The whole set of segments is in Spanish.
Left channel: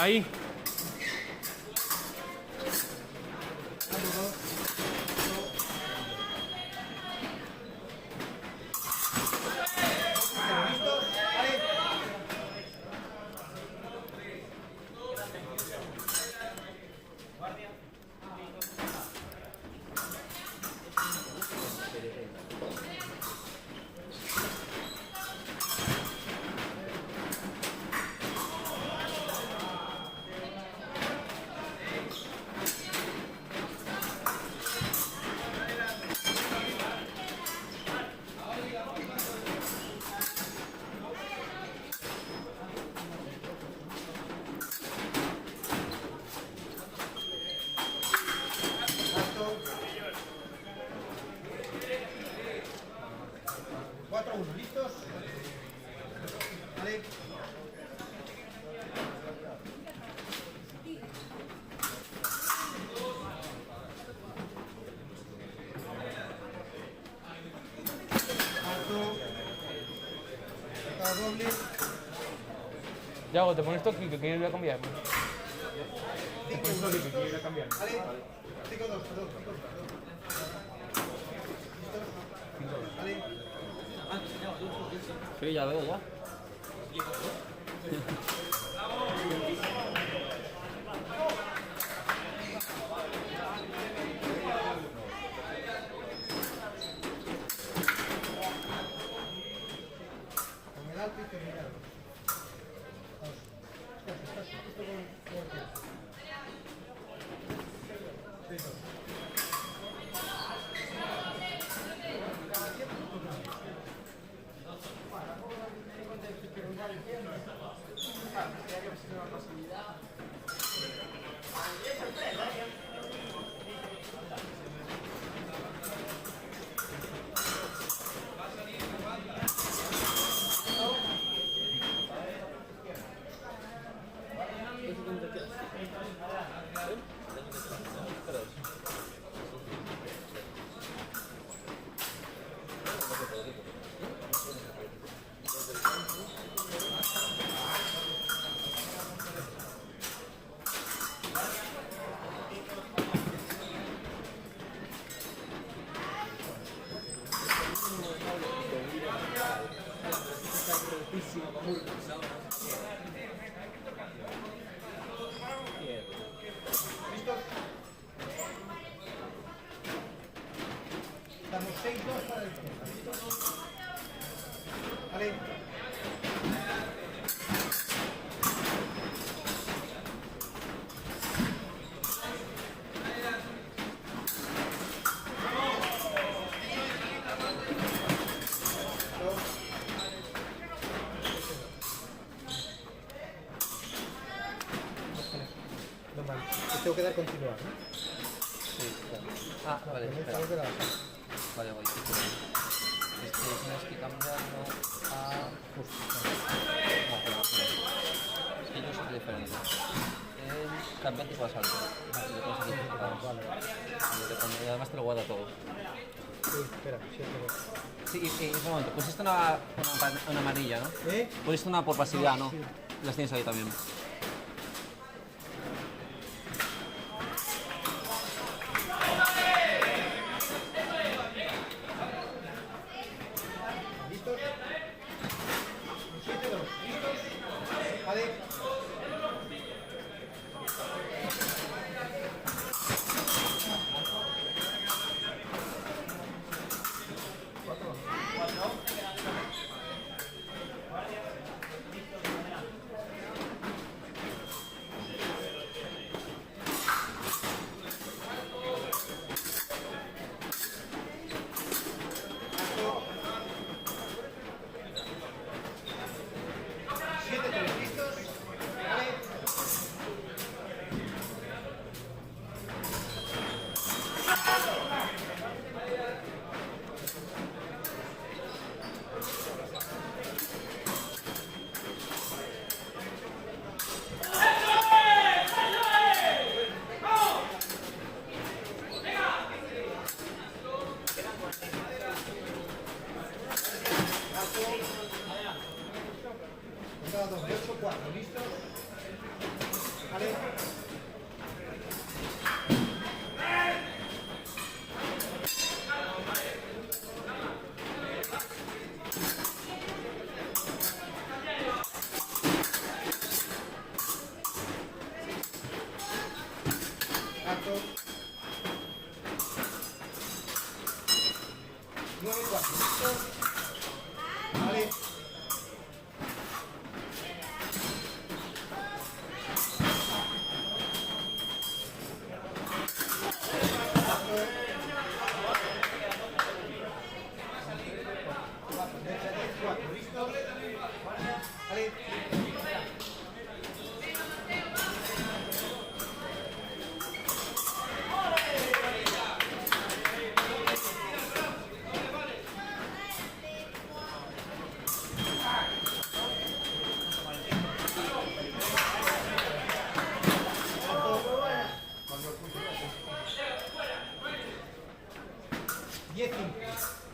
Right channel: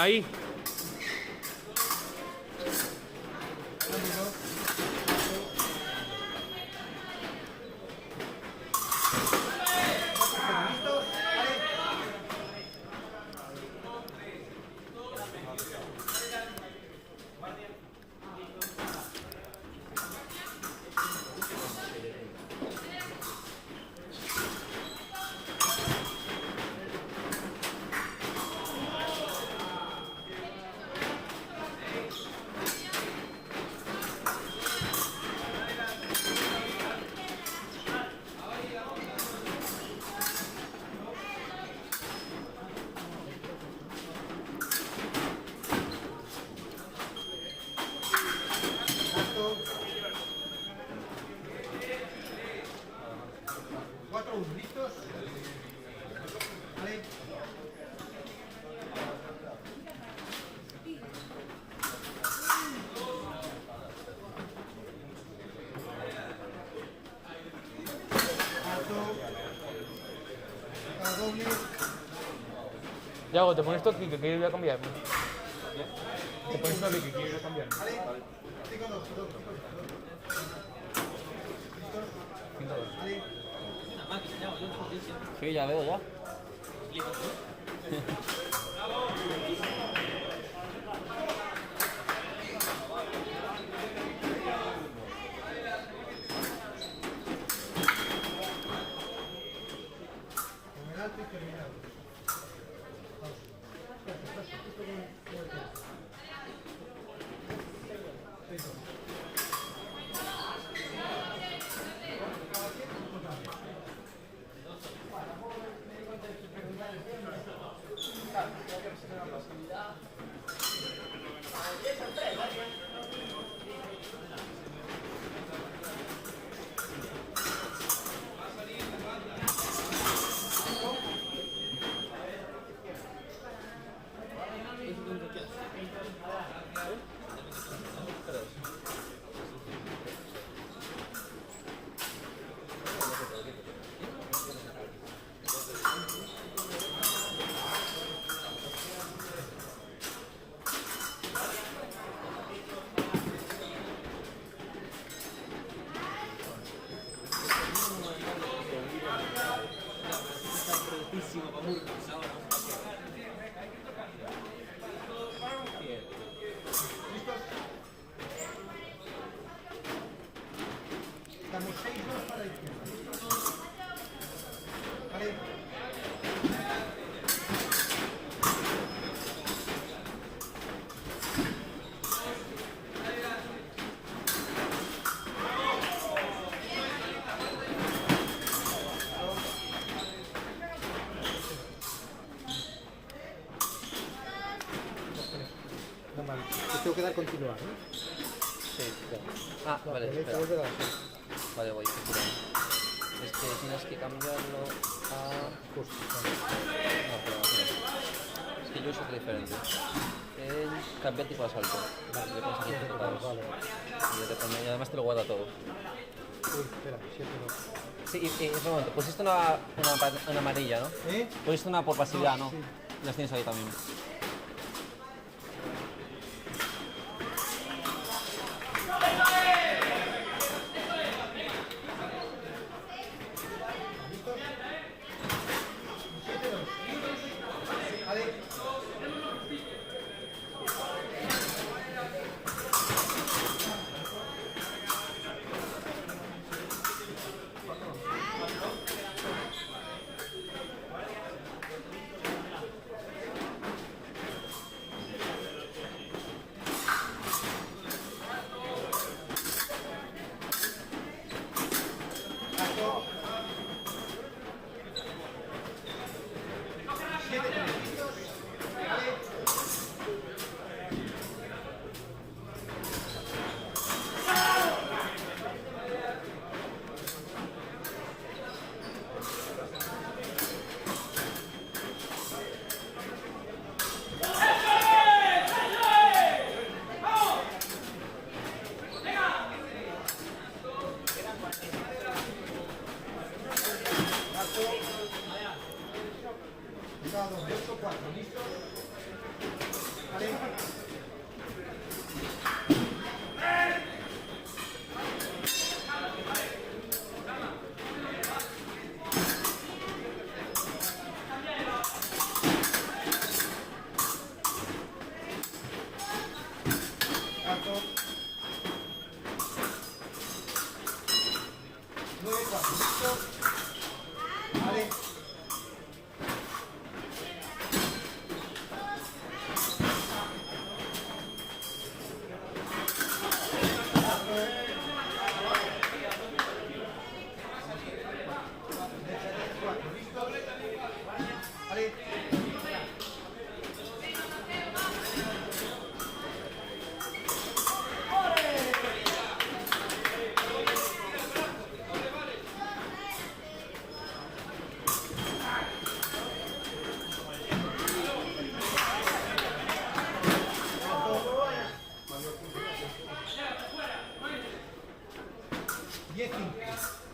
Ahí. ¿Listos? Vale. Yago, te pones esto que quiero ir a cambiarme. Te pones esto que quiero ir a cambiarme. Sí, ya veo, va. Estamos 6-2 para el tiempo. ¿Vale? tengo que dar continuar, ¿no? Sí, claro. Ah, vale, espera. Vale, voy. Tienes que cambiarlo a... Justo. pero no. Es que yo soy diferente. El cambia tipo de salto. Vale, le pones aquí certificados. Vale. Y además te lo guarda todo. Uy, espera, Sí, un momento. Pusiste una amarilla, ¿no? ¿Eh? Pusiste una por pasividad, ¿no? Sí. Las tienes ahí también. ¿Listos? 7, 2. Vale. Cuidado, 2 de 8, 4. ¿Listos? Vale. Alto. 9, 4. ¿Listos? Vale.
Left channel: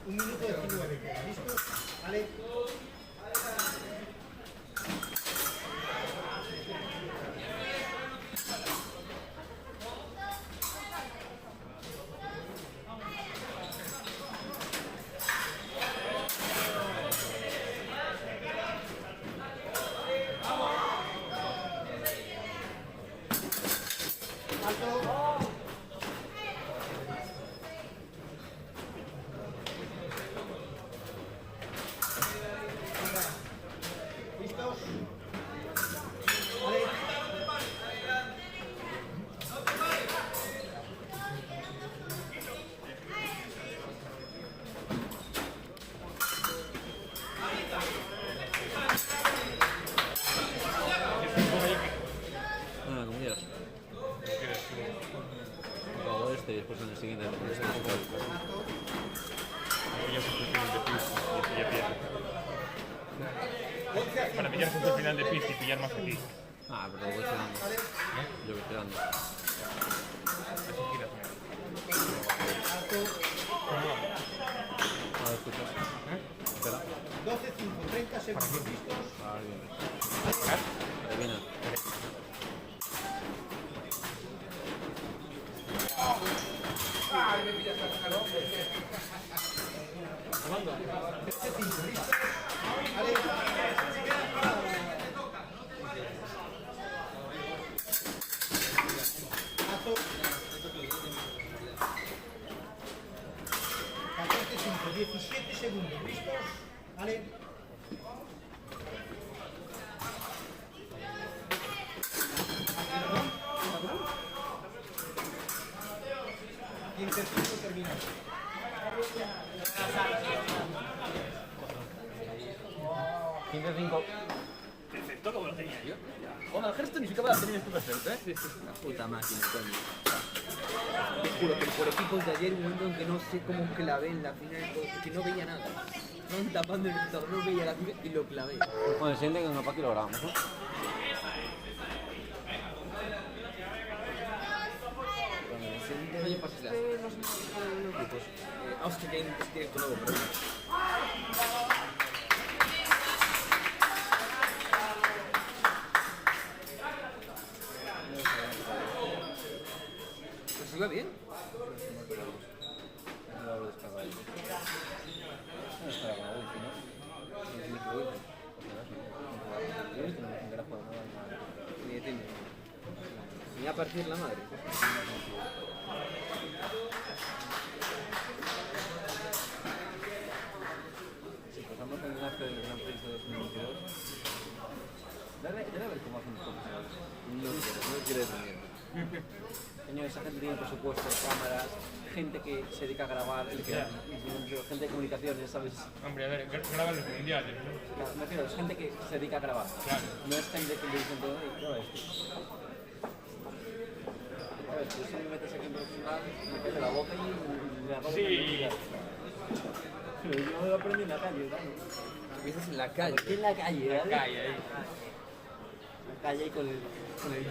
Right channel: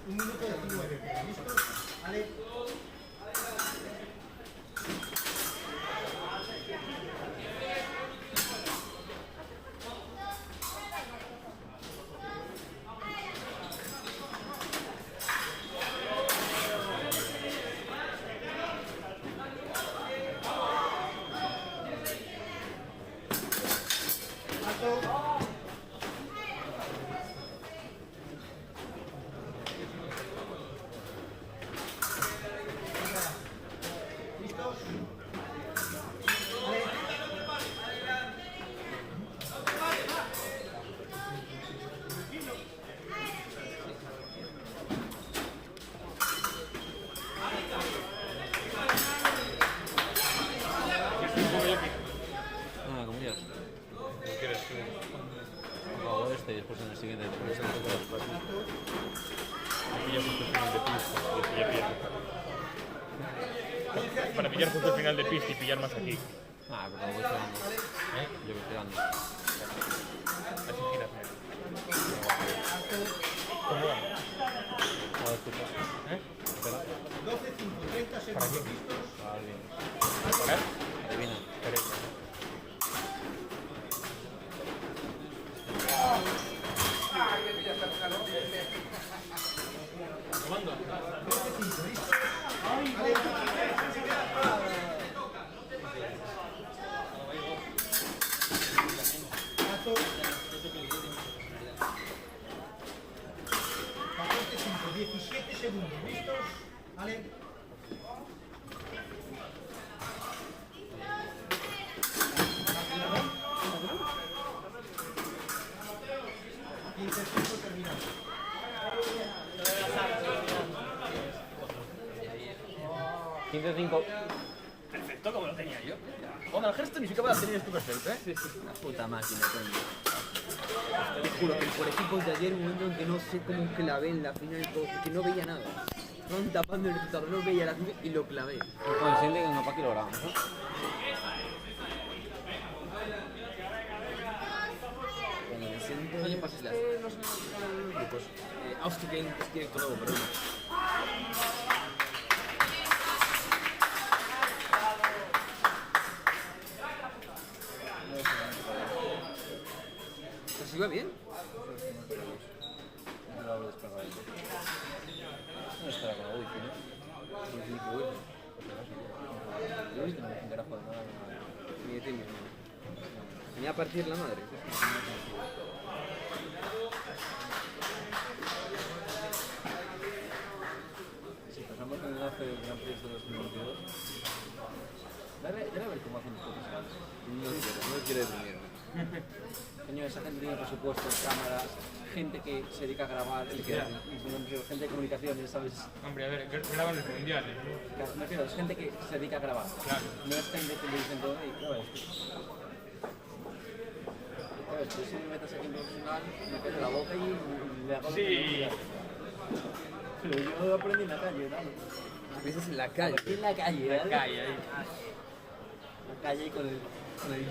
Un minuto 19. ¿Listos? Vale. Alto. ¿Listos? Vale. Como quieras. Hago este y después en el siguiente. Alto. Para pillar justo el final de pista y pillar más aquí. Ah, pero lo voy tirando. Yo voy tirando. Así giras. Ahora escuchas. Espera. 12, 5, 30 segundos. ¿Listos? Adivina. ¿Comando? 13, 5. ¿Listos? Vale. Alto. 14, 5, 17 segundos. ¿Listos? Vale. Y el tercero terminado. Esto como lo tenía yo. Bueno, el gesto ni siquiera lo tenías tú perfecto, ¿eh? Una puta máquina, coño. Te juro que el prototipo de ayer, un momento en que no sé cómo clavé en la piña y todo, que no veía nada. Estaban tapando el computador, no veía la piña y lo clavé. Bueno, siente que no para kilogramos, ¿no? Cuando me siento, oye, pues las... Hostia, que hay un directo nuevo, pero bueno. ¿Pues iba bien? No estará con la wifi, ¿no? Ni entiendo. Venía a partir la madre. Si empezamos con el enlace del Gran Prix de 2022, dale a ver cómo hacen los profesionales. No quiero detenerme. Coño, esa gente tiene presupuestos, cámaras, gente que se dedica a grabar y gente de comunicaciones, ¿sabes? Hombre, a ver, graban los mundiales, ¿no? Claro, me refiero, es gente que se dedica a grabar. Claro. No es gente que le dicen todo, y ya ves tú. Ya ves, tú si me metes aquí en profesional, me caes de la boca y me hago Sí. Pero yo aprendí en la calle, ¿no? Empiezas en la calle. Aquí en la calle, La ¿vale? calle ahí. La calle con el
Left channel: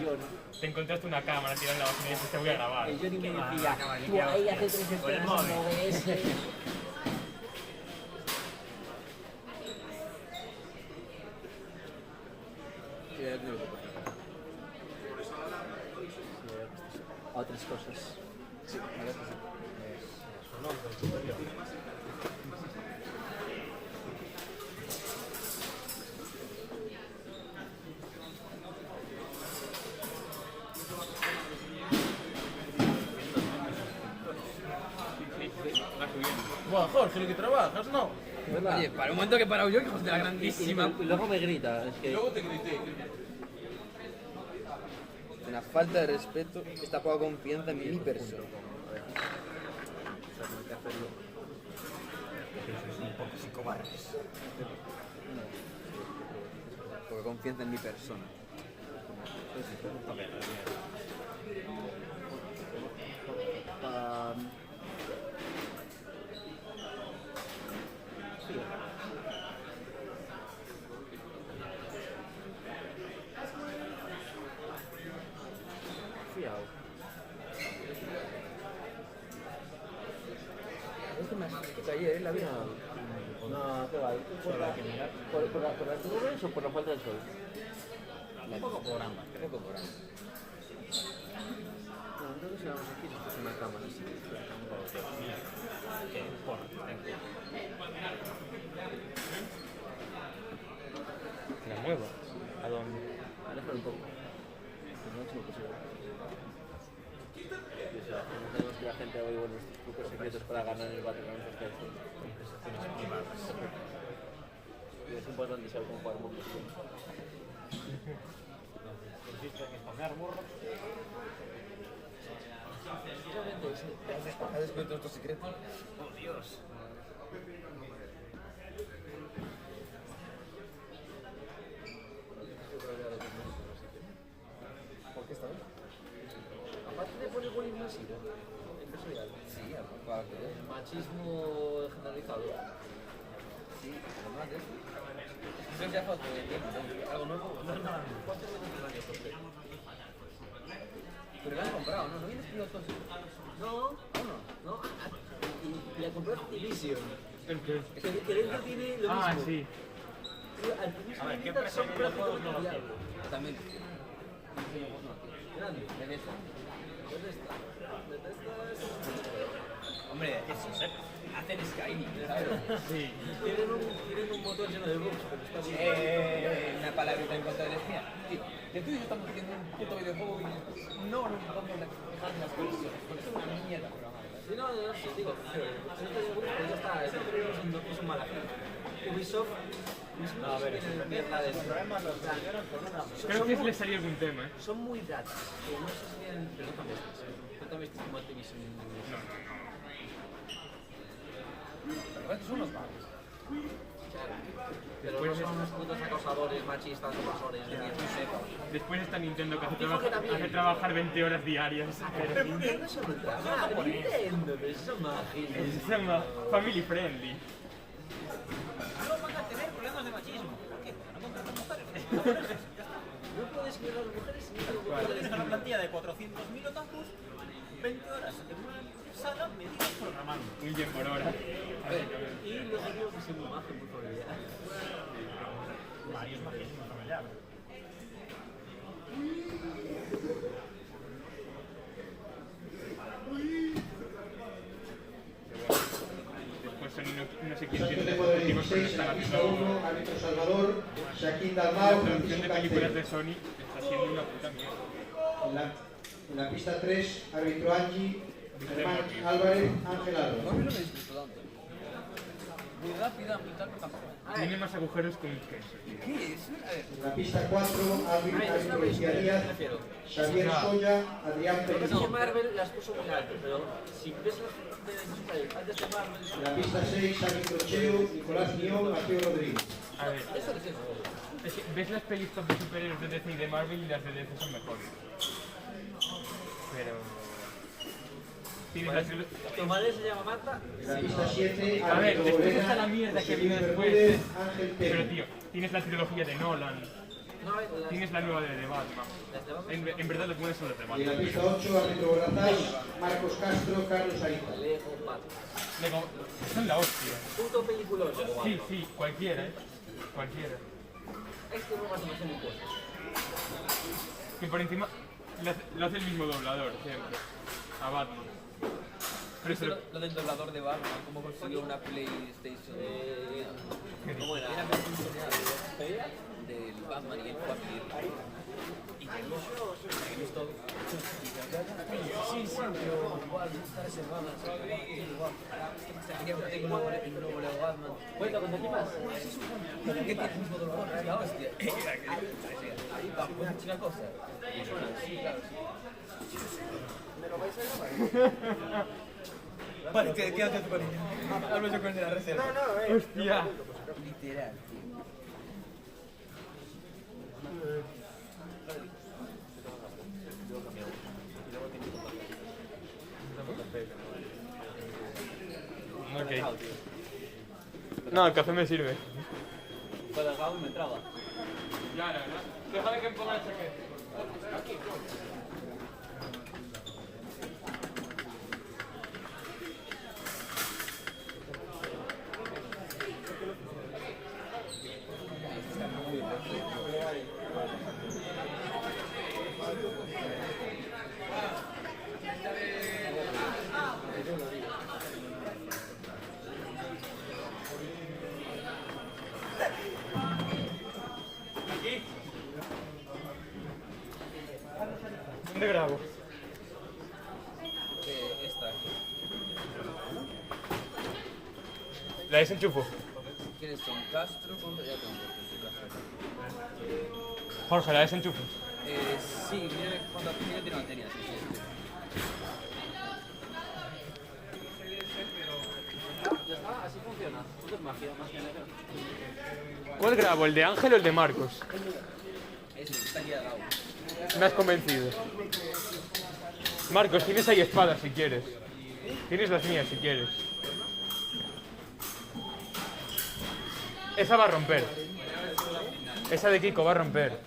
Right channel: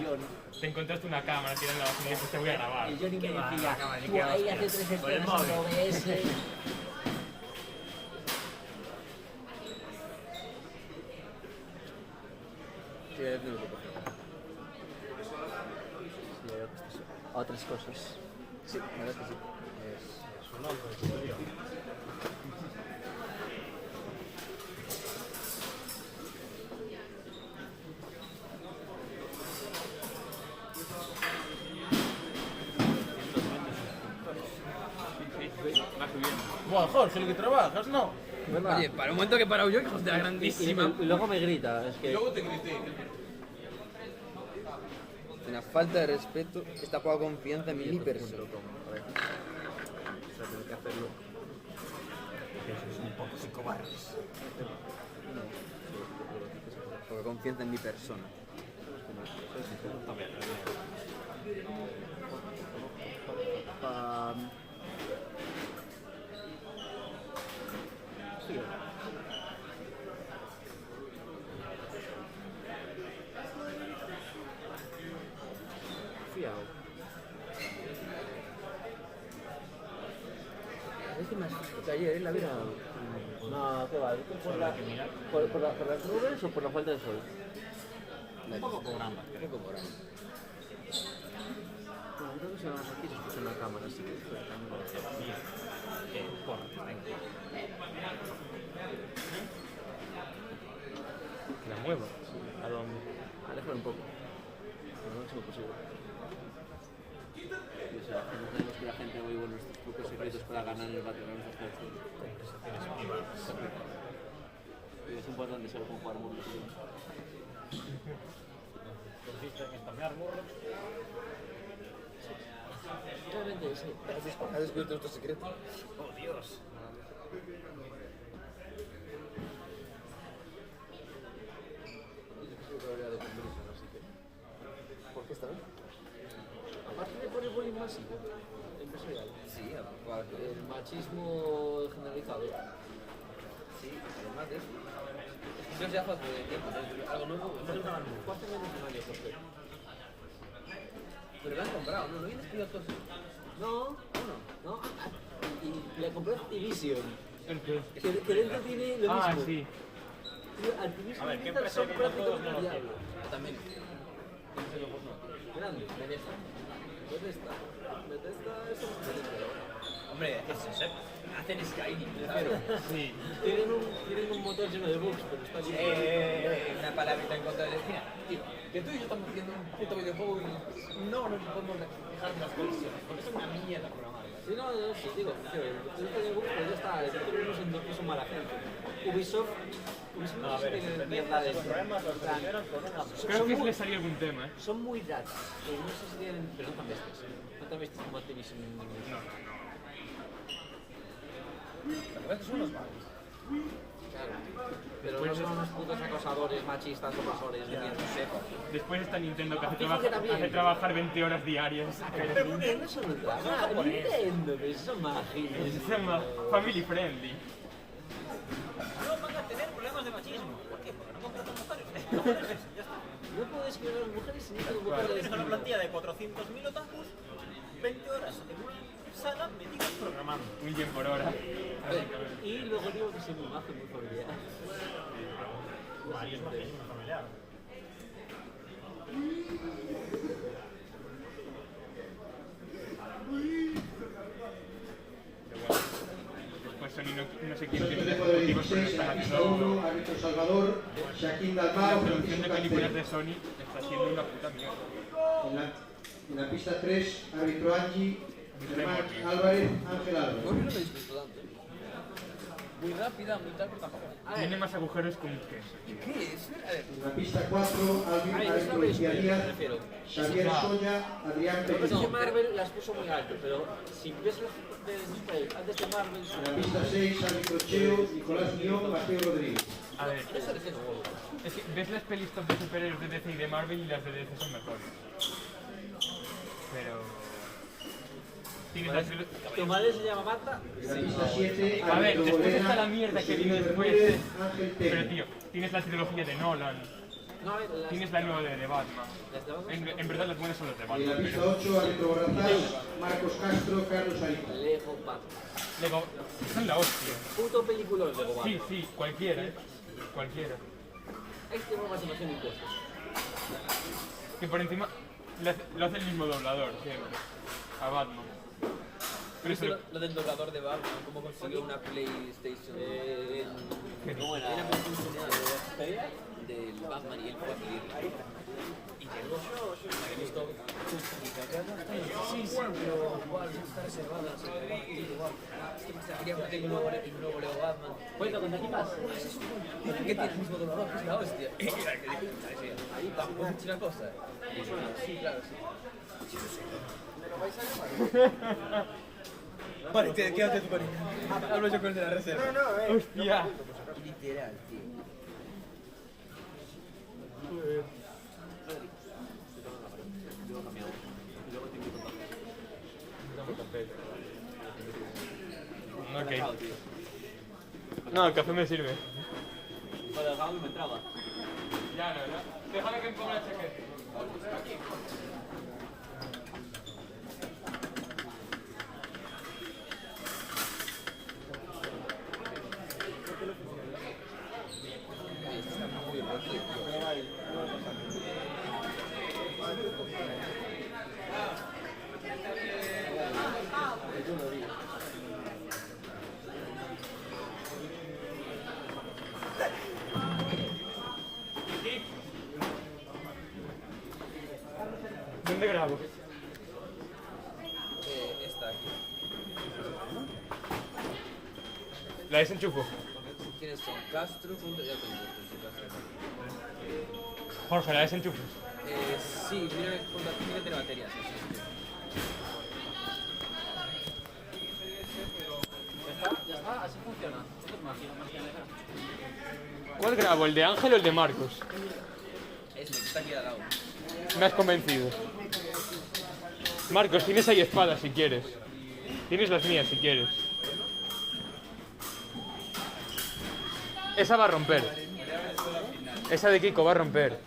John. Te encontraste una cámara tirada en la basura y dijiste, voy a grabar. El Johnny me decía, tú ahí hace 3 escenas en OBS. Sí, ya tengo que coger. Otras cosas. Sí, la verdad es que sí. Va subiendo. Buah, Jorge, lo que trabajas, ¿no? Oye, para un momento que he parado yo, que hostia, grandísima. Y luego me grita, es que... Luego te grité. Una falta de respeto, esta poca confianza en mi persona. Poca confianza en mi persona. Es que me asustó ayer la vida. No, ¿qué va? ¿Por las nubes o por la falta de sol? Un poco por ambas. Un poco por ambas. Bueno, entonces aquí se puso una cámara así. La muevo. ¿A dónde? Aléjalo un poco. No es imposible. Tenemos que la gente oiga nuestros trucos secretos para ganar el Battlegrounds hasta esto. Y es importante saber cómo jugar mundos. ¿Consiste en spamear morros? Realmente, sí. ¿Has descubierto nuestro secreto? ¡Oh, Dios! ¿Por qué esta vez? Aparte de por el bullying masivo, empresarial. Sí, aparte. El machismo generalizado. Sí, además de eso. Es que ya falta de tiempo, ¿no? Algo nuevo. ¿Cuánto menos de un año, Jorge? Pero lo han comprado, ¿no? ¿No vienes pilotos? No, uno, ¿no? Y le compró Activision. ¿El qué? Que dentro tiene lo mismo. Ah, sí. Activision A ver, y ¿qué Blizzard empresa son viene todos? No lo prácticamente quiero. ya. También. Grande. Bethesda. Bethesda. Bethesda es un... Hombre, hacen Skyrim, me refiero. Sí. Tienen un motor lleno de bugs, porque está bien. Una palabrita en contra de mira, tío, que tú y yo estamos haciendo un puto videojuego y no nos podemos dejar de las colisiones, porque es una mierda programada. Sí, no, sí, digo, pero el grupo ya está, tenemos incluso mala gente. Ubisoft no sé si tiene mierda de Espero que le salió algún tema, ¿eh? son muy datos, no sé si tienen, pero no tan bestas, no tan bestas como Activision. No. Pero a veces son unos vagos. Pero no son unos putos acosadores, machistas, opresores, de quien no sepa. Después está Nintendo que Fijo que también. hace trabajar 20 horas diarias. Pero Nintendo son ultra. Nintendo, pero son mágicos. Es más family friendly. No van a tener problemas de machismo. ¿Por qué? Porque no contratan notarios. No puedes que las mujeres sin ningún Claro. tipo de Tienes una plantilla de 400.000 otakus, 20 horas en una sala metidos programando. Un yen por hora. Y luego digo que soy muy majo y muy familiar. Después Sony no sé quién Santo tiene Temo del motivos porque 16 en están la pista haciendo 1, árbitro Salvador, Shaquín la Dalmau, producción Francisco de películas Cancel. de Sony está siendo una puta mierda. En la pista 3, árbitro Angie, Germán Álvarez, Ángel Álvarez. No, yo no lo he visto tanto. Muy rápida, muy tal, pero tampoco. Tiene más agujeros que un queso. ¿Qué es? A ver. En la pista 4, árbitro me Lucía Díaz, refiero. Xavier Soya, Adrián Lo que Pérez. pasa es que Marvel las puso muy alto, pero si ves las antes de Marvel, En la pista 6, árbitro Cheo, Nicolás Guión, Mateo Rodríguez. A ver, eso es eso. es que ves las pelis top de superhéroes de DC y de Marvel y las de DC son mejores. Pero... Tienes la ¿Tu madre se llama Marta? En la pista 7, A ver, árbitro después Bolena, está la mierda que José viene Luis después. Bermúdez, Ángel Pero Pérez. tío, tienes la trilogía de Nolan, No, a ver, tienes la nueva de Batman. En verdad las buenas son las de Y en la Batman. pista 8, árbitro Borrazás, Marcos Castro, Carlos Ariza. Lego Batman. Lego, son la hostia. Puto peliculón Lego Batman. Sí, sí, cualquiera, cualquiera. Es que no más o menos en impuestos. Que por encima lo hace el mismo doblador, siempre. A Batman. Pero eso ¿Viste lo del doblador de Batman? ¿Cómo consiguió una PlayStation? ¿Cómo era? Era del Batman y él fue a pedirla. Y llegó. ¿He visto? Sí, sí, pero igual está reservada. Quería un nuevo Lego Batman. Bueno, ¿qué más? Dicen que tiene el mismo doblador, que es la hostia. Ahí tampoco es una cosa. Sí, claro, sí. ¿Me lo vais a grabar? Vale, quédate tú con ella. Hablo yo con el de la reserva. No, hostia. Literal, tío. Ok. No, el café me sirve. Cuando el jabón me entraba. Ya, no. Déjame que me ponga la chaqueta. ¿Dónde grabo? Esta. La desenchufo. ¿Quiénes son? Castro, ya tengo. Sí, Castro. Jorge, la desenchufo. Sí, mira cuando tiene baterías. Sí, sí. Ya está, así funciona. Esto es magia, magia negra. ¿Cuál grabo? ¿El de Ángel o el de Marcos? Eso, está aquí al lado. Me has convencido. Marcos, tienes ahí espadas si quieres. Tienes las mías si quieres. Esa va a romper. Esa de Kiko va a romper.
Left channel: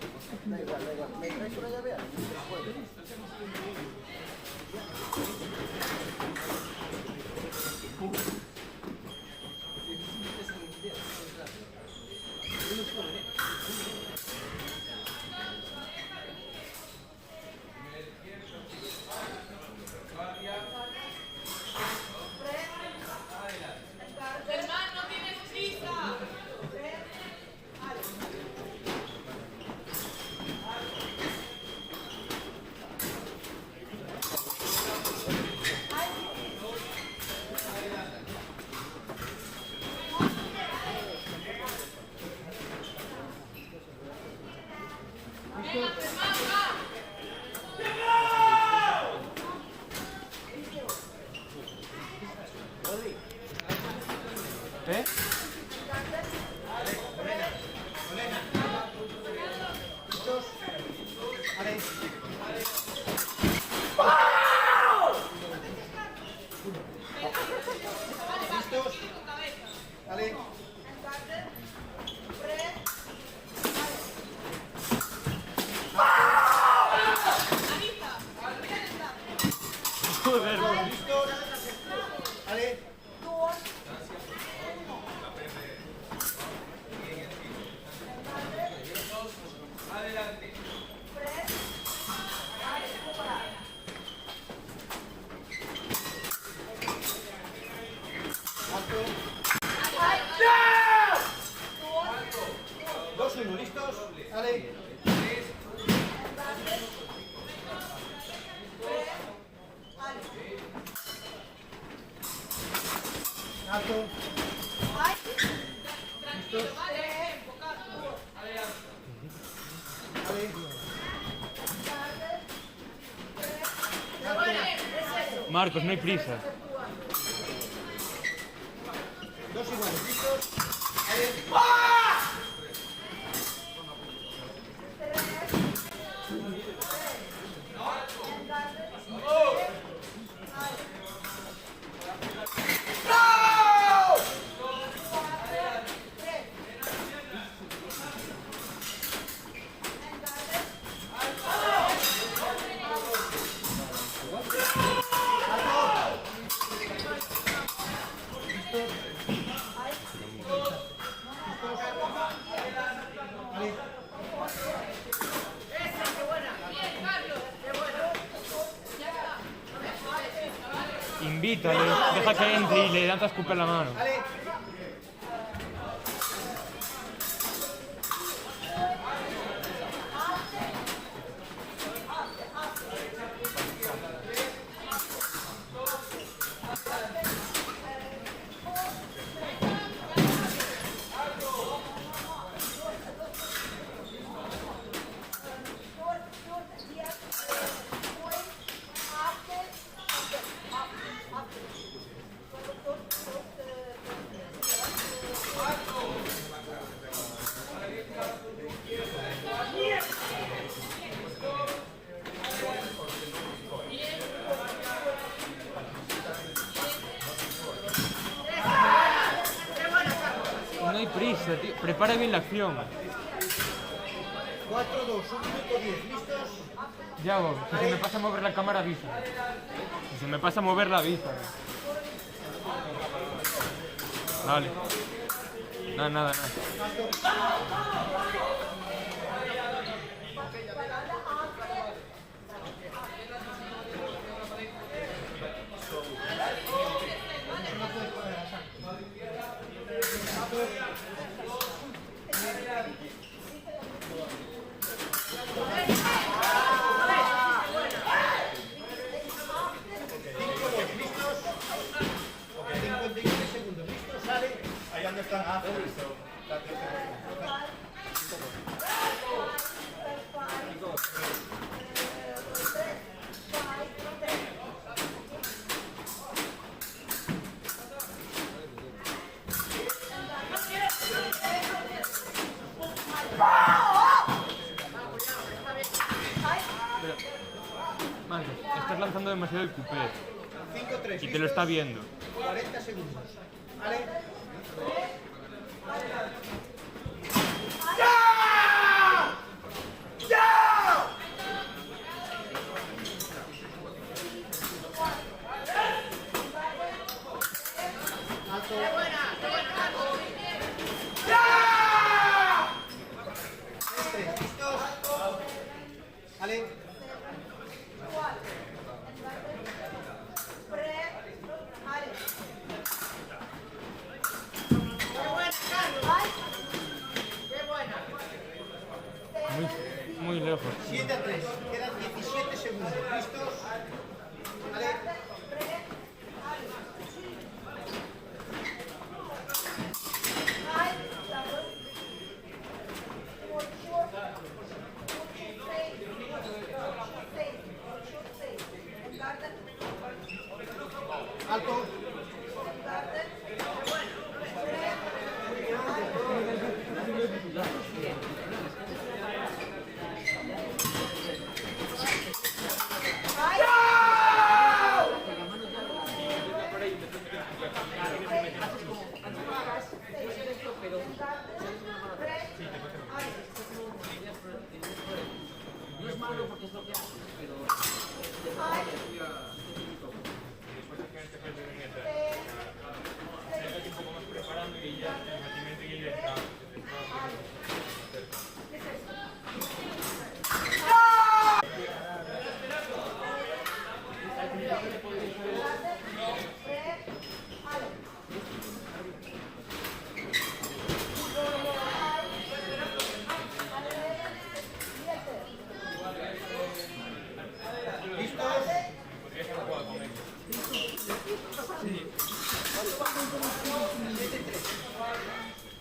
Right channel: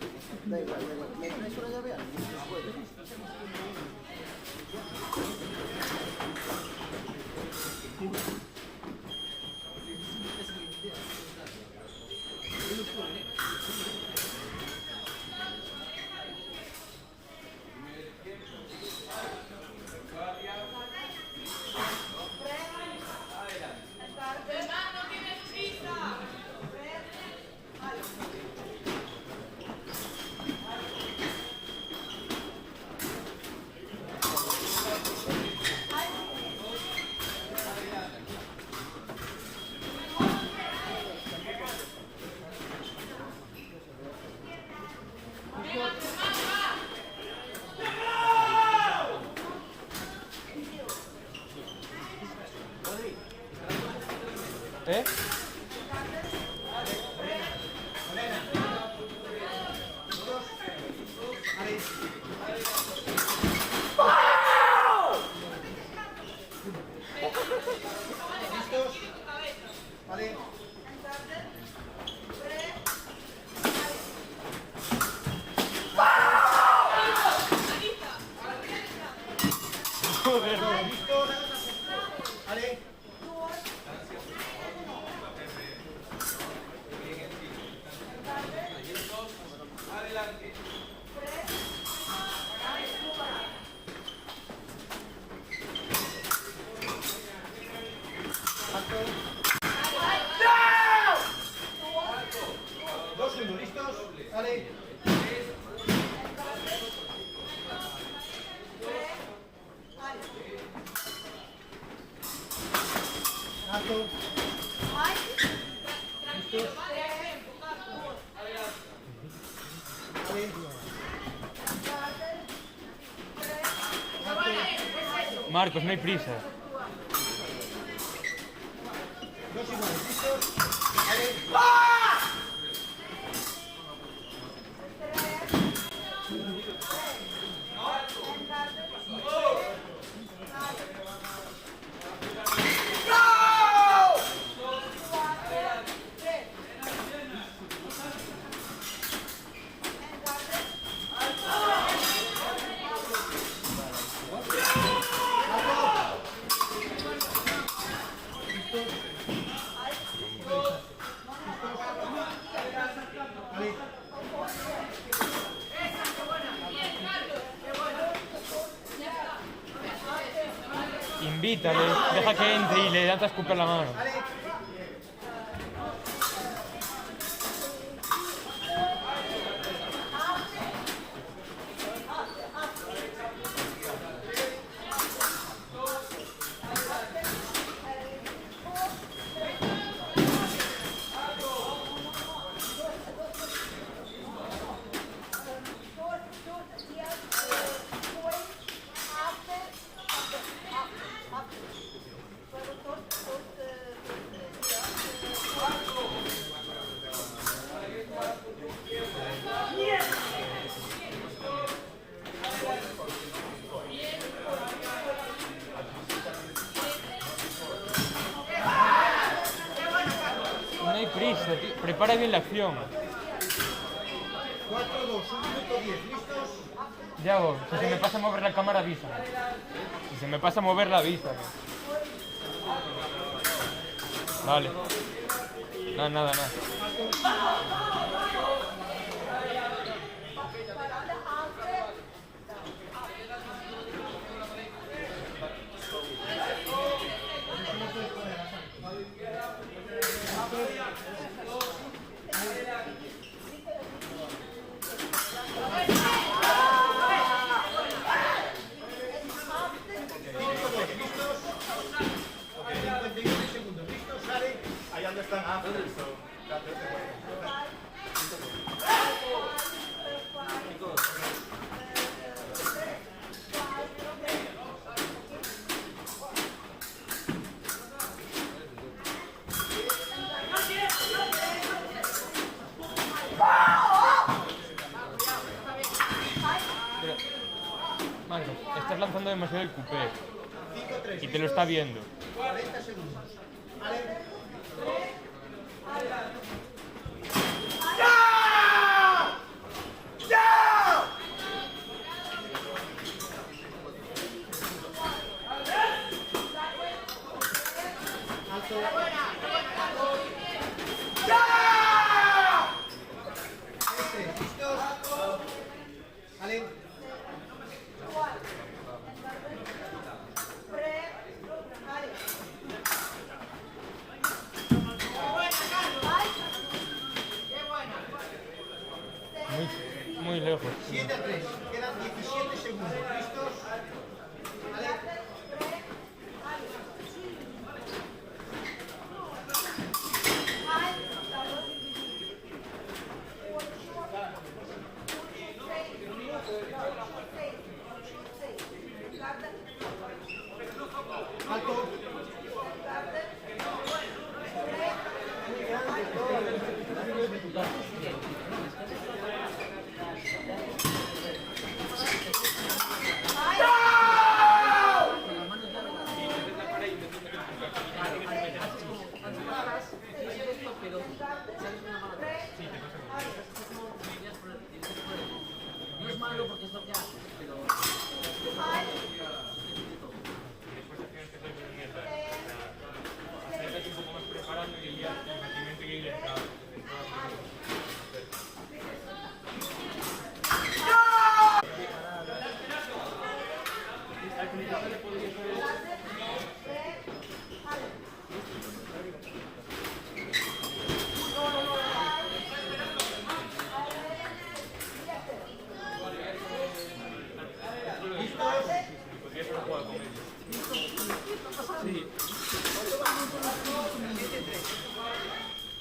¿Eh? Joder. Todos listos. Ale. Dos uno, listos. Ale. Alto. Listos. Ale. Marcos, no hay prisa. Dos iguales, listos. Ale. Invítale, deja que entre y le das a escupir la mano. Ale. No hay prisa, tío. Prepara bien la acción. 4-2, 1 minuto 10, listos. Ya voy. Si se me pasa a mover la cámara, avisa. Si se me pasa a mover la avisa. Vale. Nada. Marcos, estás lanzando demasiado el coupé 5-3. y te lo está viendo. 40 segundos. Ale. Muy lejos. 7-3. Quedan 17 segundos. ¿Listos? Ale. Alto. ¡Ay!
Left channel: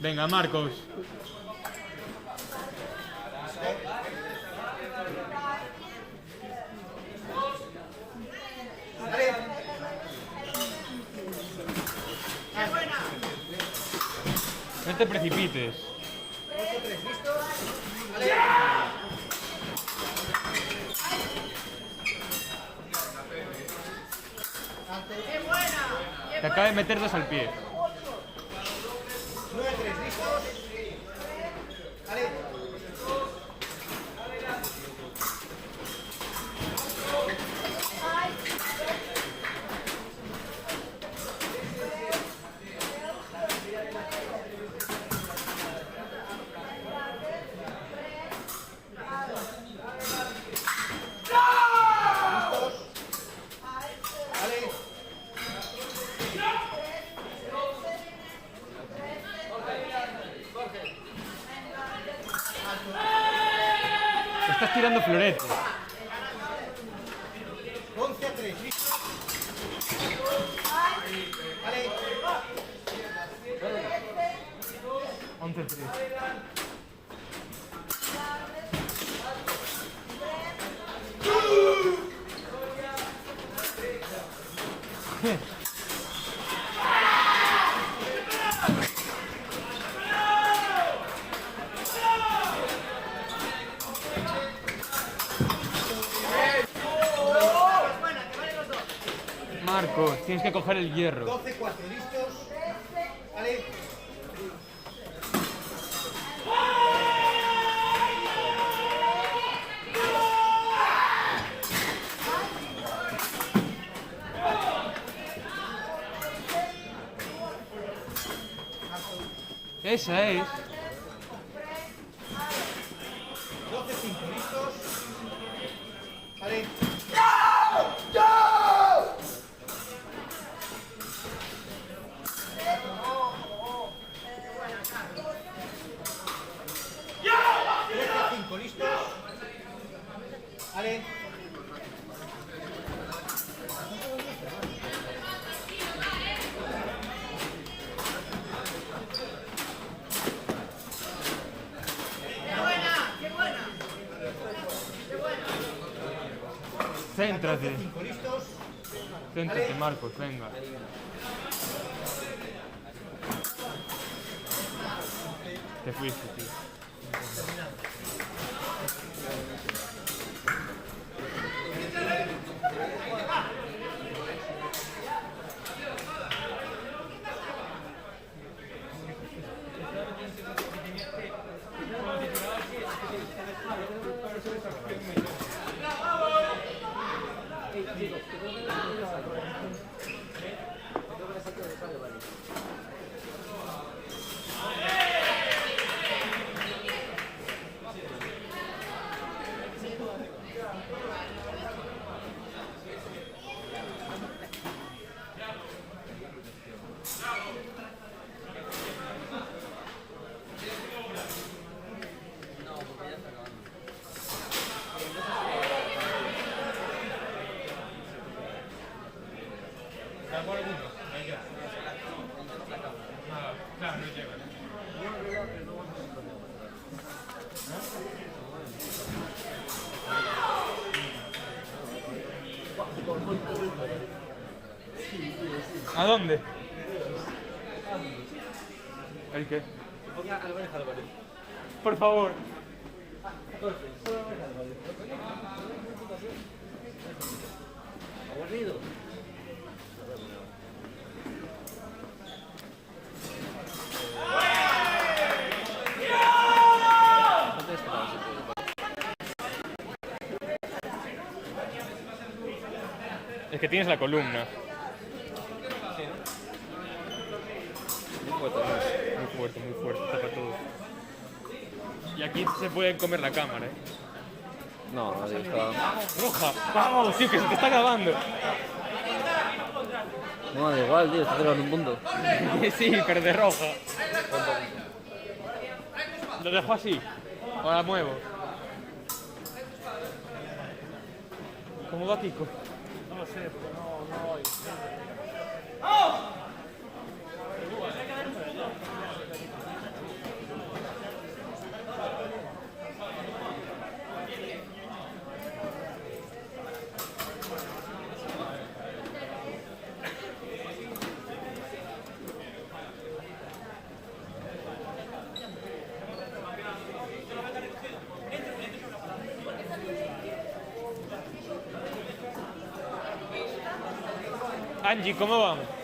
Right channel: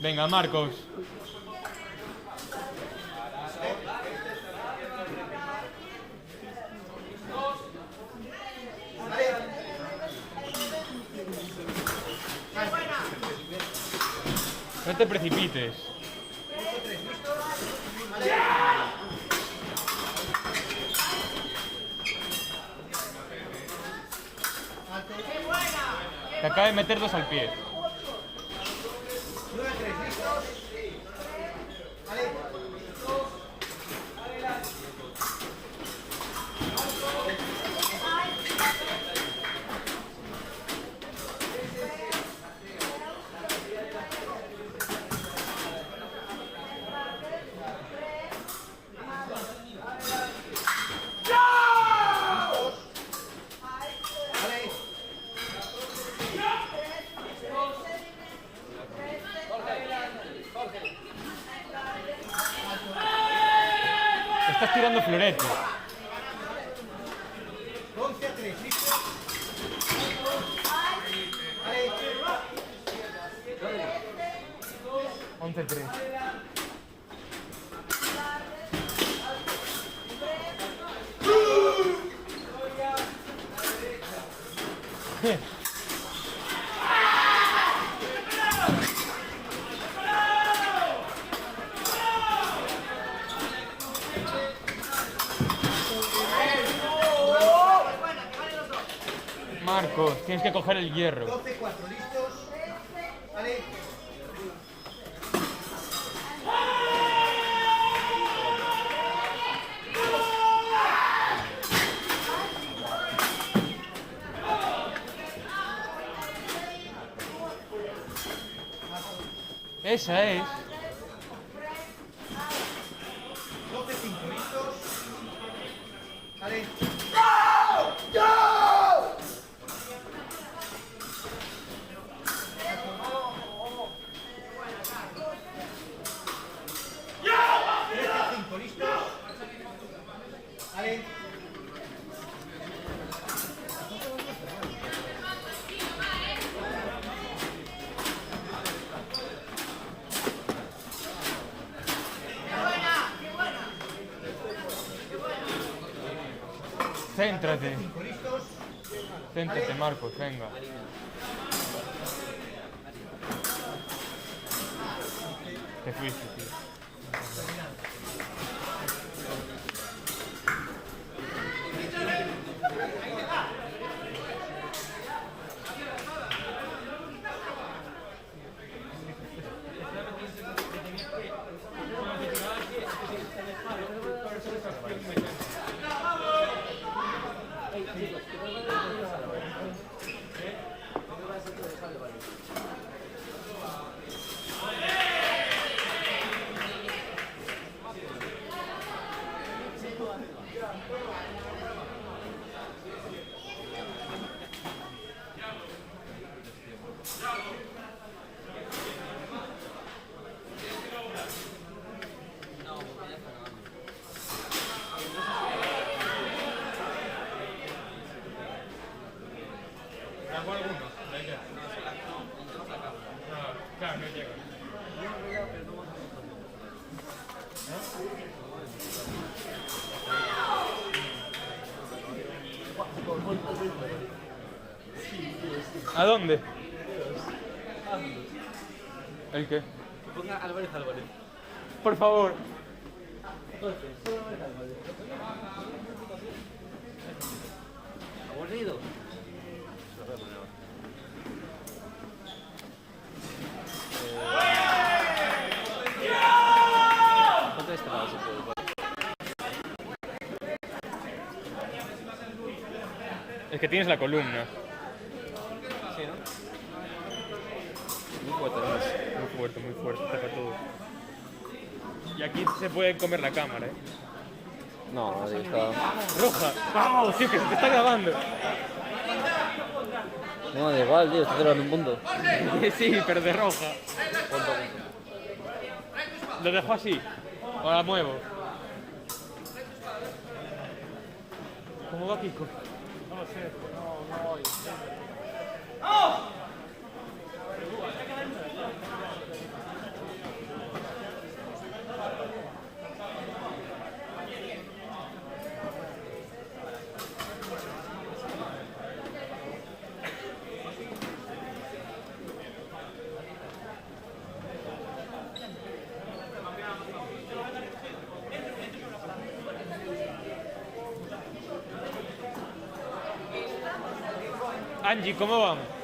Venga, Marcos. No te precipites. Te acaba de meter dos al pie. 9-3, listos. Vale. Estás tirando floretes. 11-3, listos. Vale. 11-3. Marcos, tienes que coger el hierro. 12-4, listos. Vale. Esa es. 12-5, listos. Vale. ¿Listos? Vale. Céntrate. ¿Listos? Céntrate, Marcos, venga. Te fuiste, tío. ¿A dónde? ¿El qué? Ponga Álvarez Álvarez. Por favor. Aburrido. Es que tienes la columna. Muy fuerte, tapa todo. Y aquí se puede comer la cámara, ¿eh? No, ahí está. ¡Roja! ¡Vamos! Sí, que se te está grabando. No, da igual, tío, está grabando un punto. Sí, pero de roja. Lo dejo así. O la muevo. ¿Cómo va Kiko? No lo sé, no oigo. Angie, ¿cómo vamos?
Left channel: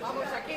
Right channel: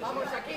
¡Vamos aquí!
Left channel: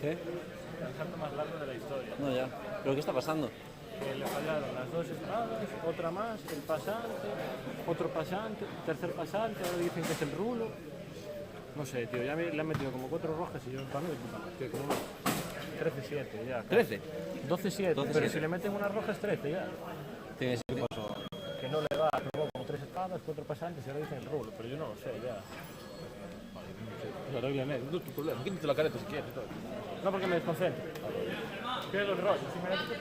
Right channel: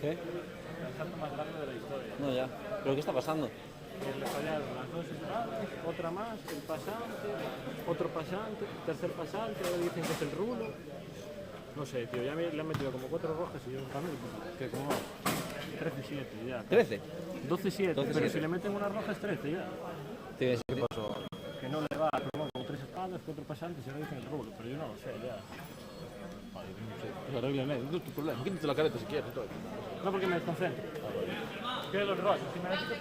¿Qué? El salto más largo de la historia. No, ya. ¿Pero qué está pasando? Le fallaron las dos entradas, otra más, el pasante, otro pasante, tercer pasante, ahora dicen que es el rulo. No sé, tío, ya le han metido como 4 rojas y yo también, que como 13-7 ya. ¿13? 12-7, 12-7. pero si le meten una roja es 13 ya. ¿Qué pasó? Que no le va, pero como 3 espadas, 4 pasantes y ahora dicen el rulo, pero yo no lo sé ya. Vale, no sé, pues arréglame, no es tu problema, quítate la careta si quieres y todo. No porque me desconcentro. Pego el rol, si me la quito,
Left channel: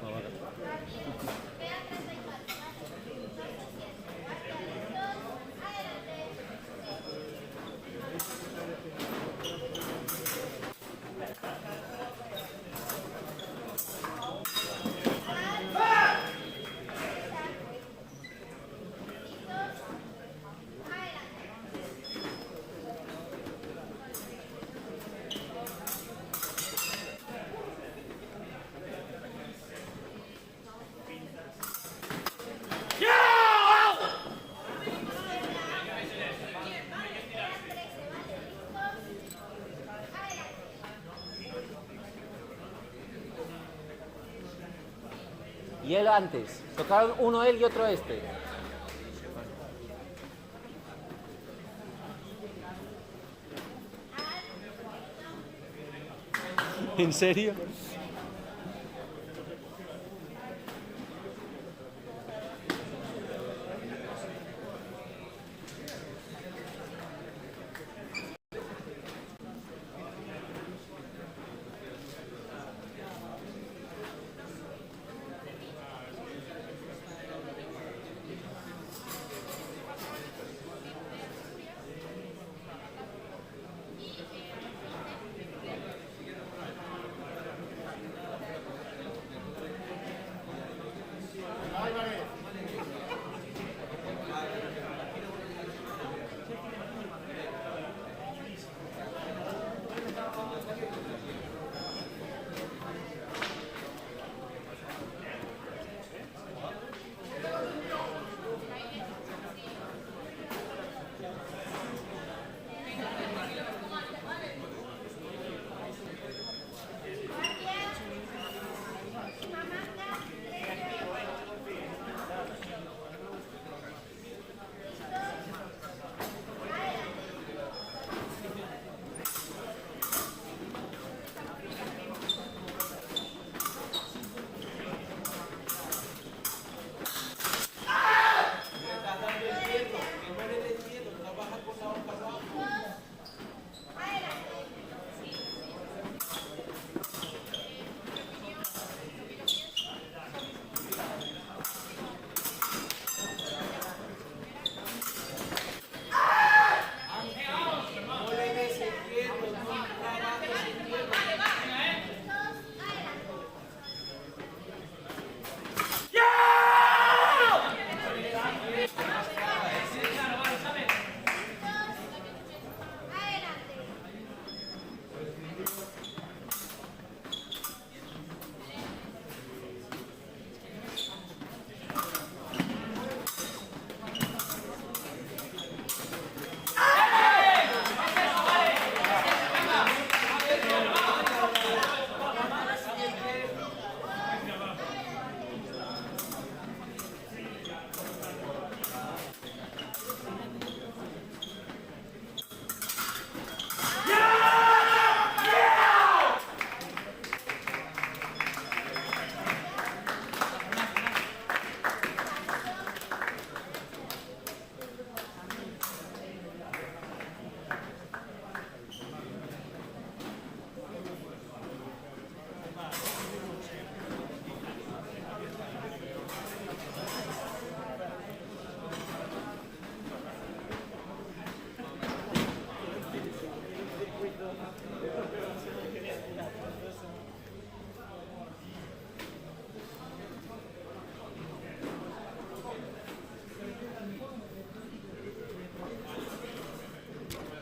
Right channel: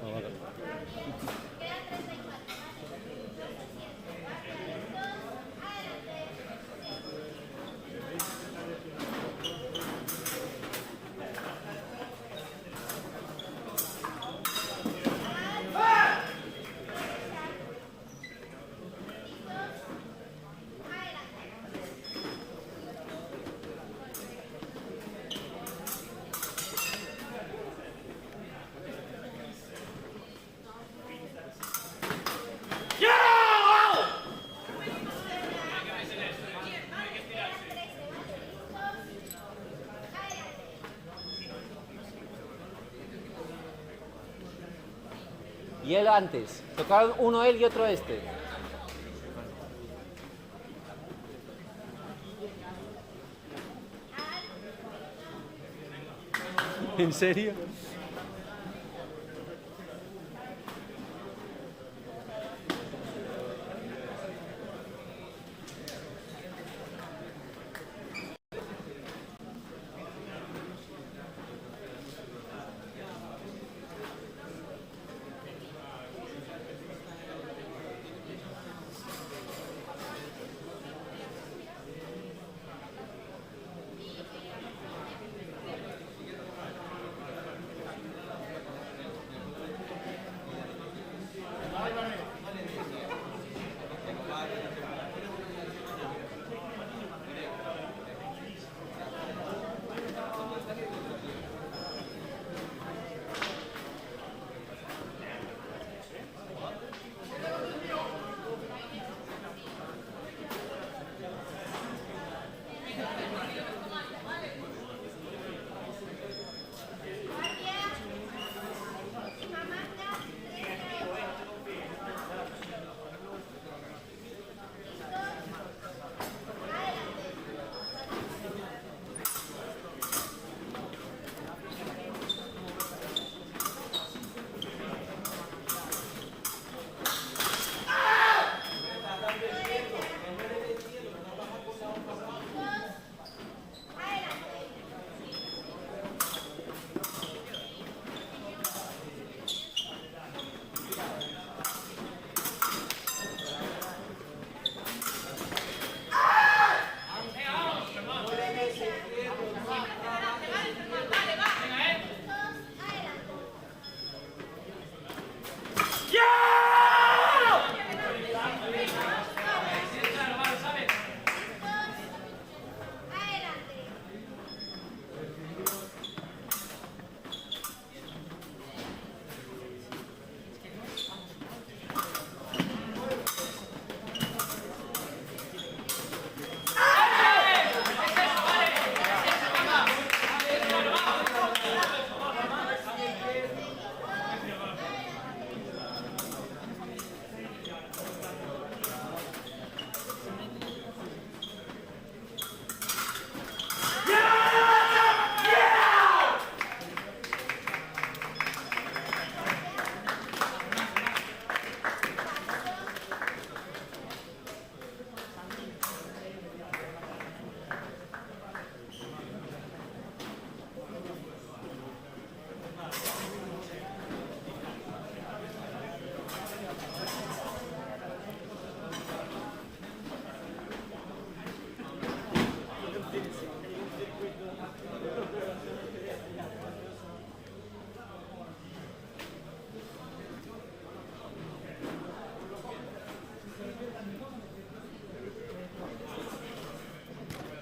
No, vale. Y él antes. Tocaron uno él y otro este. ¿En serio?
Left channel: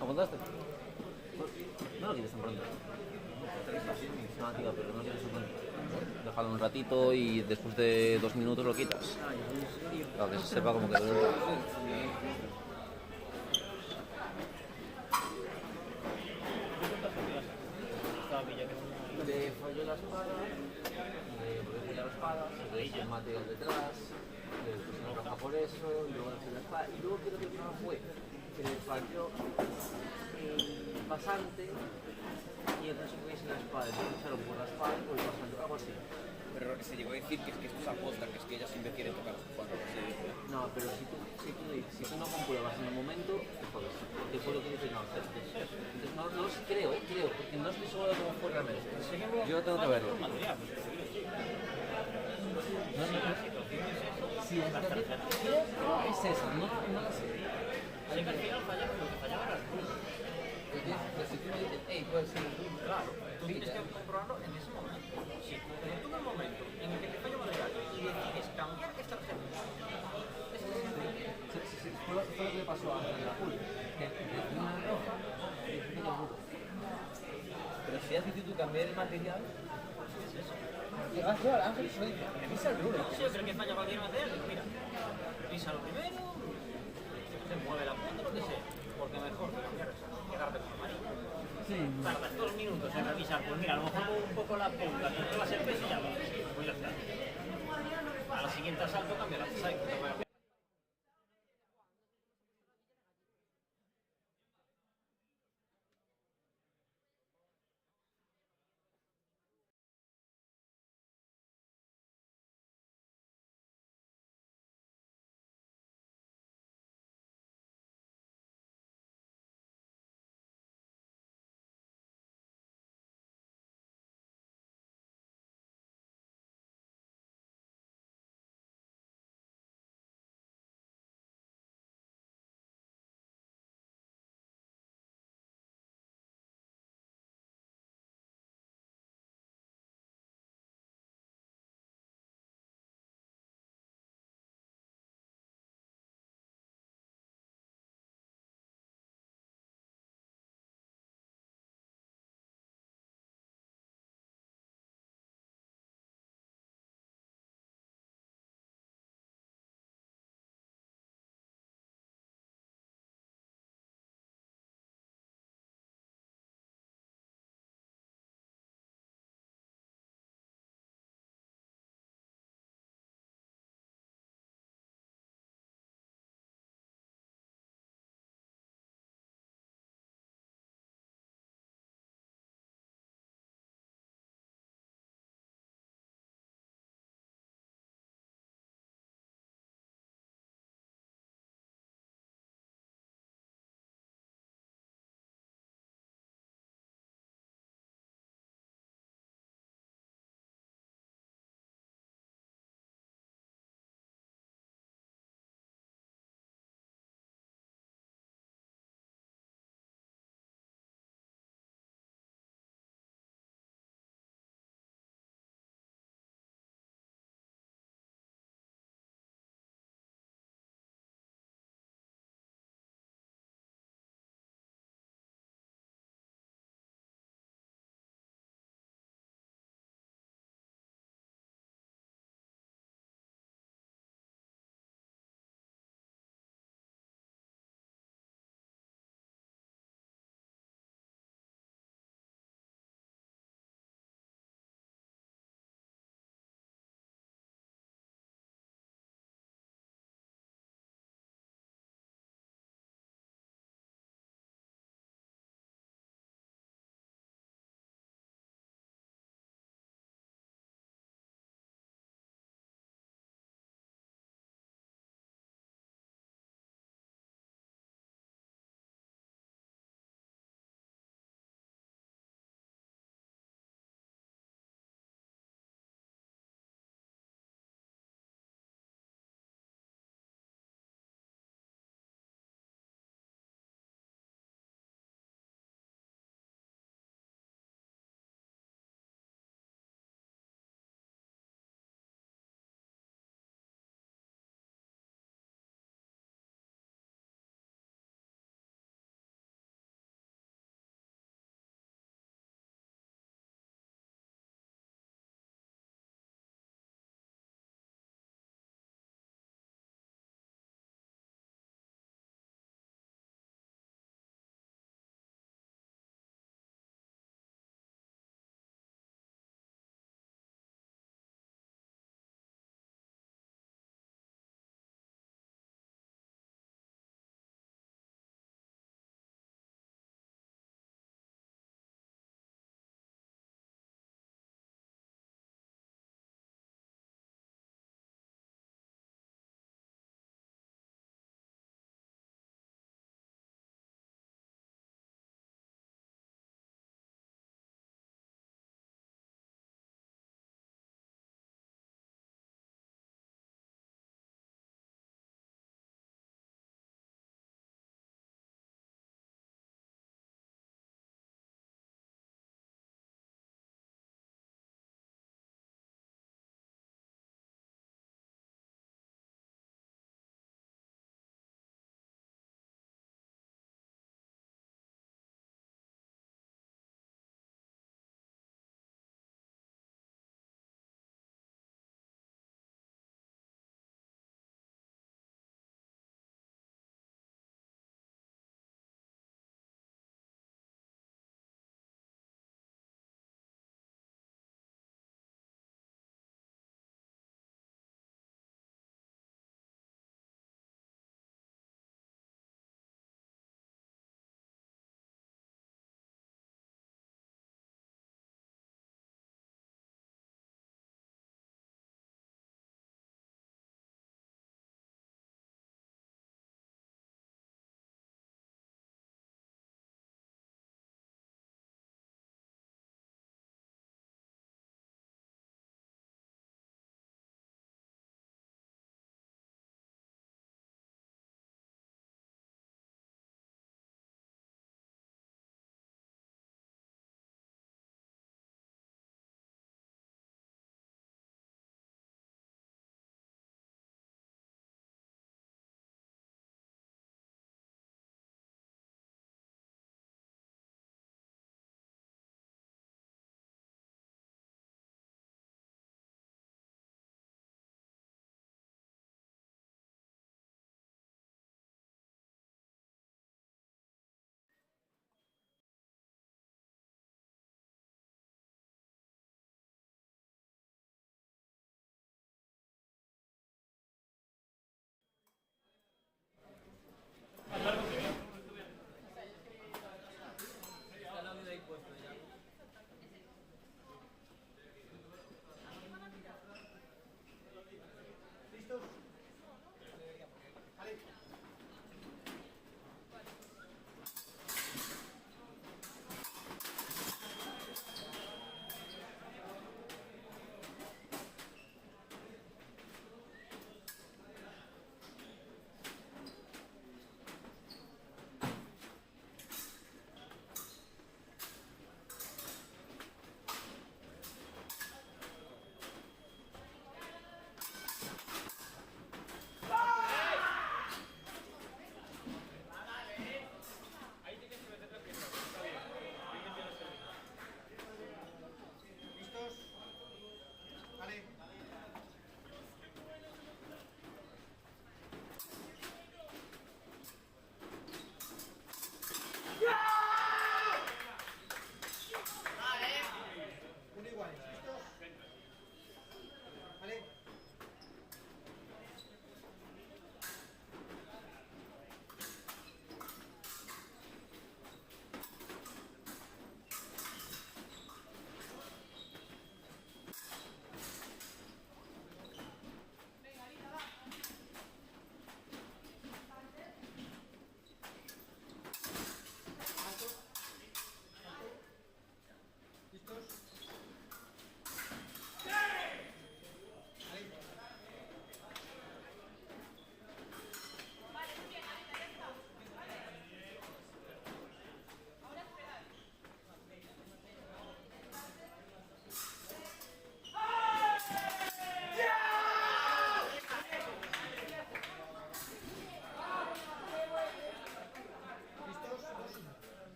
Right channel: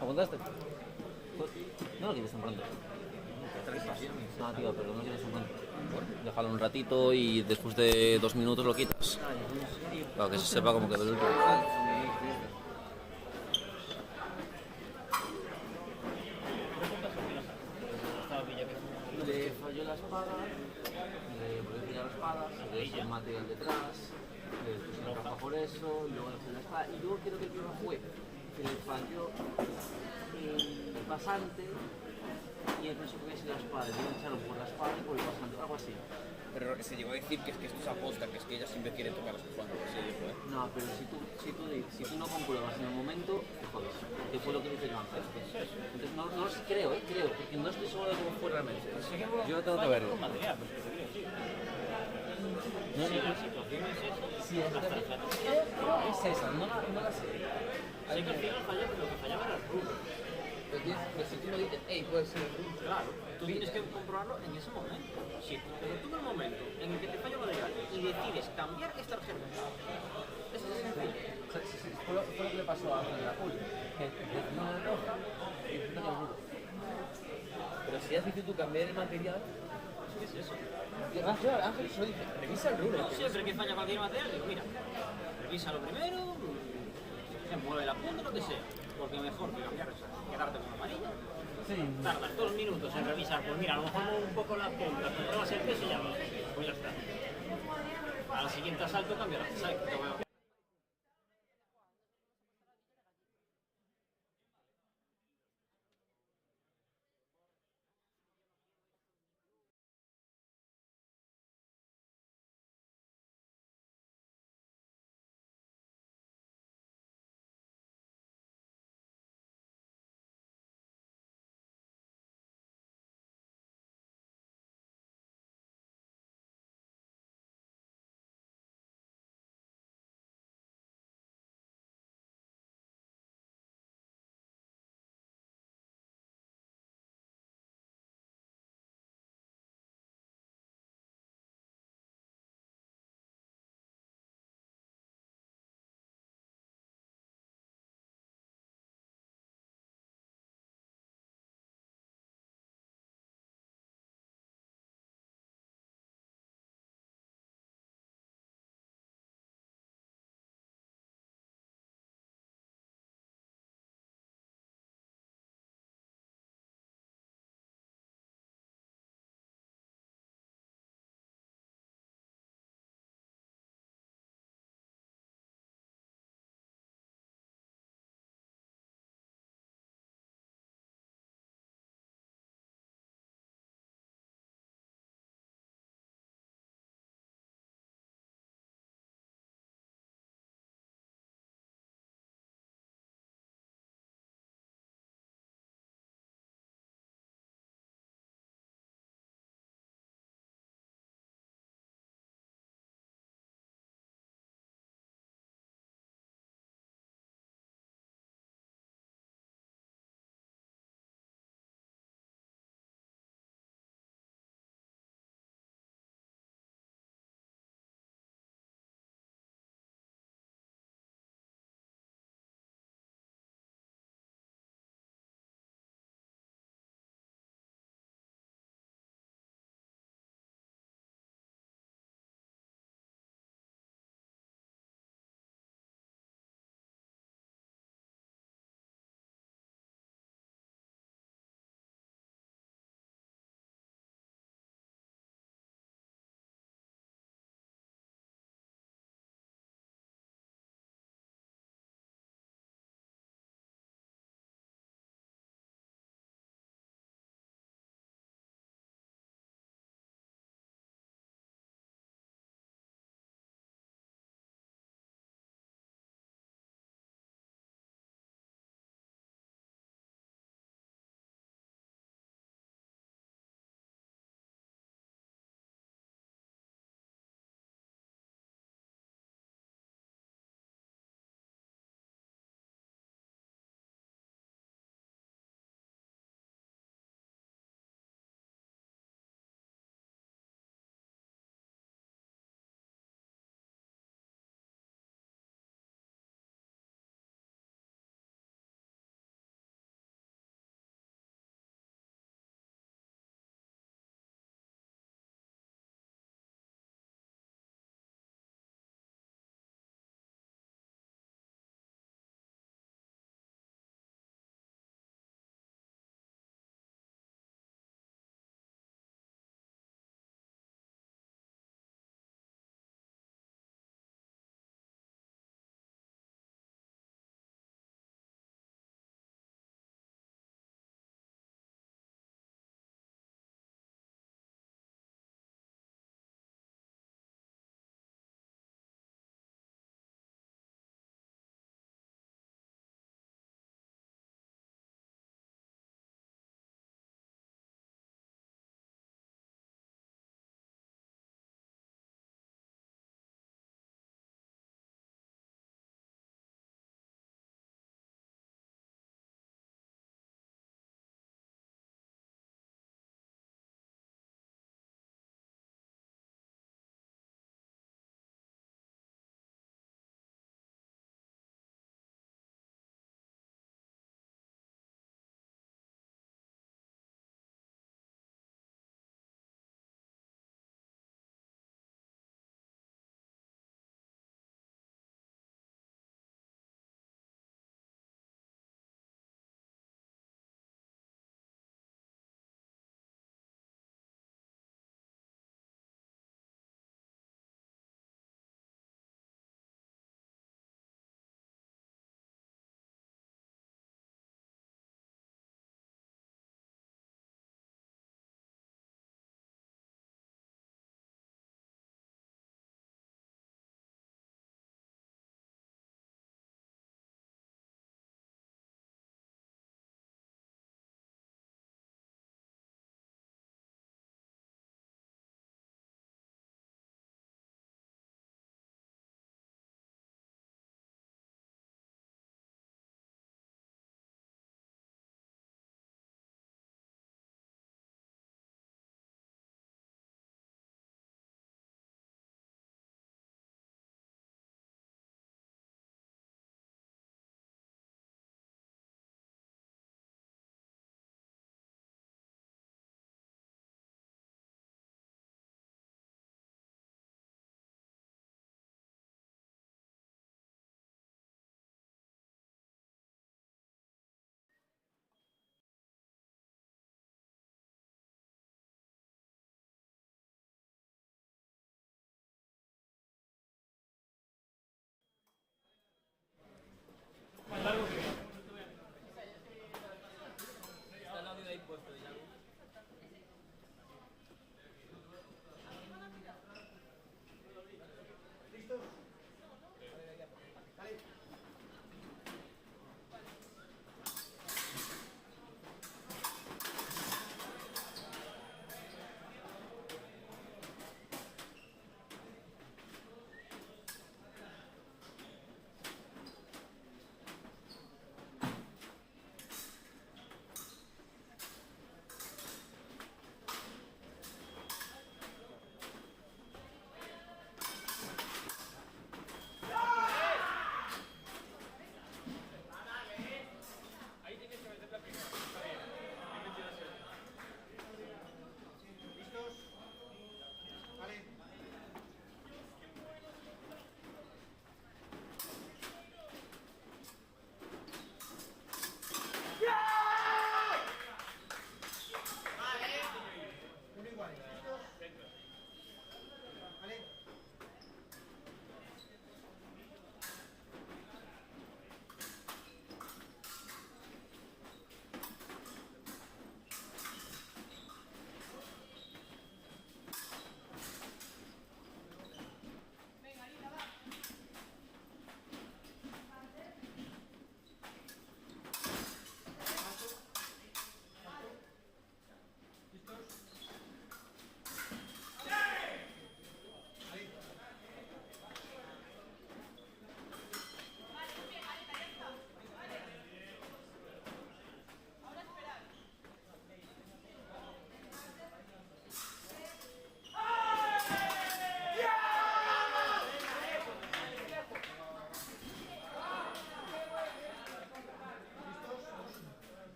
¿Apuntaste? No lo quieres tan pronto. No, tío, pero no lo quieres tan pronto. Déjalo un ratito y después de 2 minutos lo quitas. tío. Para que se sepa cómo quedó el último. Le falló la espada, le volvió la espada, se ve el material detrás, le puso una caja por eso, y luego le falló la espada. Y luego creo que el problema fue que le falló el pasante y el preso que hubiese la espada. Le echaron por la espada y por el pasante, algo así. Pero se llegó a decir que es que esto es aposta, que es que ella siempre quiere tocar los cuadros, así dijo, ¿eh? No, pero si tú no compruebas en el momento, te jodes, porque fue lo que dice Joan. Entonces no lo sé, creo, porque no estoy seguro de cómo fue realmente. Yo tengo que verlo. No, sí, es esa, no la sé. Así que al final falló, pero lo que fallaba era el rulo. Pero si tú me dices, hey, puede ser el rulo, Claro, tú tienes que comprobarlo en ese momento. Si tú en el momento en el que te falla un material y decides cambiar esta tarjeta, eso es sencillo. Fue lo que le pasó a la Juli, que tenía una roja y fue el rulo. pero si has decidido tú cambiar el material, ¿Qué es eso? y Ángel solo dice, revisa el rulo. Siempre que falla cualquier material, digo, mira, revísalo primero, se mueve la punta, lo que sea. Porque mejor que cambiar eso, quedarte con amarilla. Tardas 2 minutos en revisar, pues mira, a lo mejor un poco la punta, tú pruebas el peso y ya lo pues ya está. Al siguiente asalto cambia la pesa.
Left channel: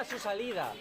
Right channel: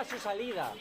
marca su salida.